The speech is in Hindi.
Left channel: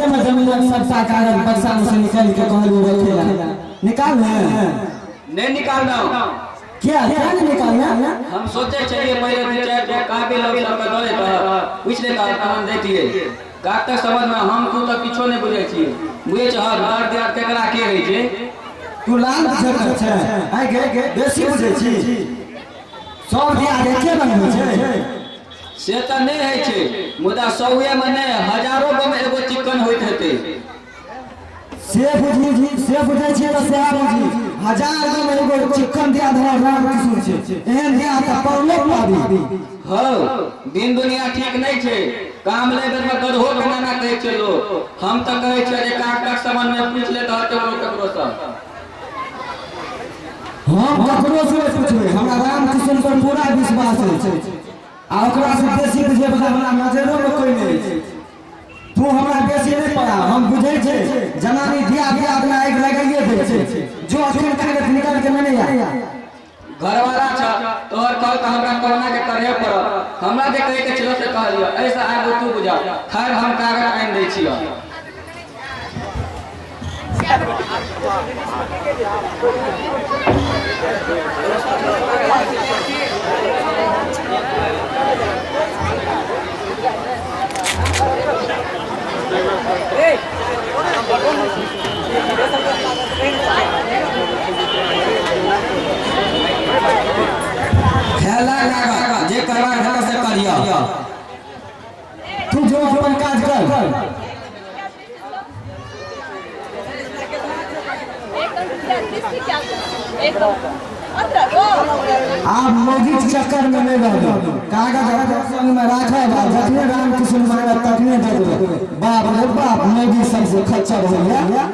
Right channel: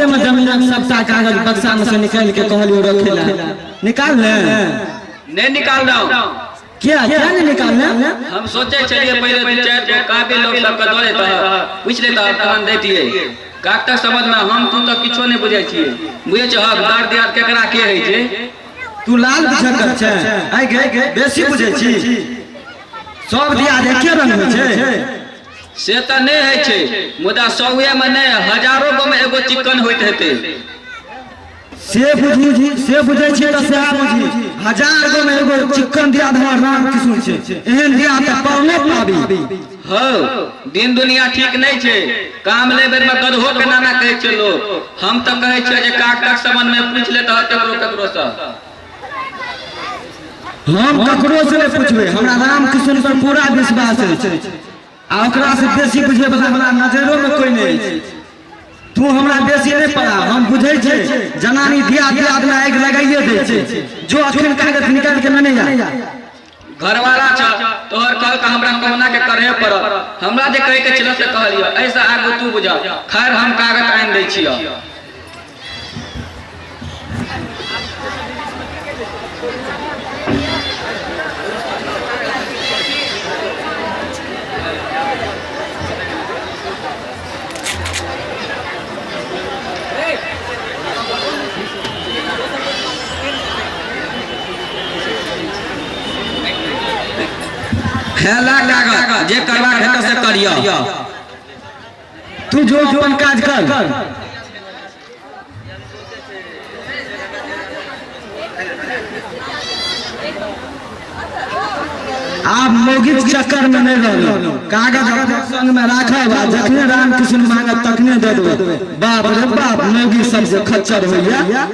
होटले में जमीन सबटा कागज बक्सा में से निकाल के कहलियो रखेला निकाल ले नहीं निकाल रहा क्या क्या नहीं निकालना हम सोचे चलिए पहले दो चार जो काबिल लोग सब कदोरे था पूछ लेता अपन देतिए काक तक समझ में हम तू तो किछो नहीं बुझे छिए बुझे छ हक दर्द याद केकरा के रही छे तू लाल बुझक छै आइ गे बेसी बुझे छी सब दिया देखे रंग में छै से त नहीं है छे मुदा सौए में नहीं हजारों गो में एगो चिकन होइत हेते से बुझे छी त से बुझी हजार गो में एगो चिकन दिया धर राम किशोर छै एहन दिया त पाउने पाबी हो दिन दुनिया ठीक नहीं छे काम ले बेर में गधो के नाना कहे छे लोग हम त कहे छे जे काक तक समन में पूछ ले त ककरो से हम ककरो से नहीं पूछबे हमरा राम किशोर पर पूरा विश्वास है आ ओकरा से बेसी बुझे वाला हमरा नजरो में कोई नहीं तू हमरा बेसी नहीं पड़ा हम बुझे छे जनानी दिया दिया अपना आग लगाइए दे छे जो अखन कागज निकाल के नहीं आ घरवाला छ तोहर कल का हमरा कहना के करे पर हमरा जे कहे के चलो से कहलियो ऐसा आगो तू बुझा खैर हम कागज आन दै छियो खेला कागज जे करवा है से करियो तू जो अपन काज कर आप मोगी चक्कर में नहीं रहो कागज संग में राखब जखने राम कृष्ण मांगब तखने दे देबे बाप रे बाप मोगी सबसे खच्चर होइया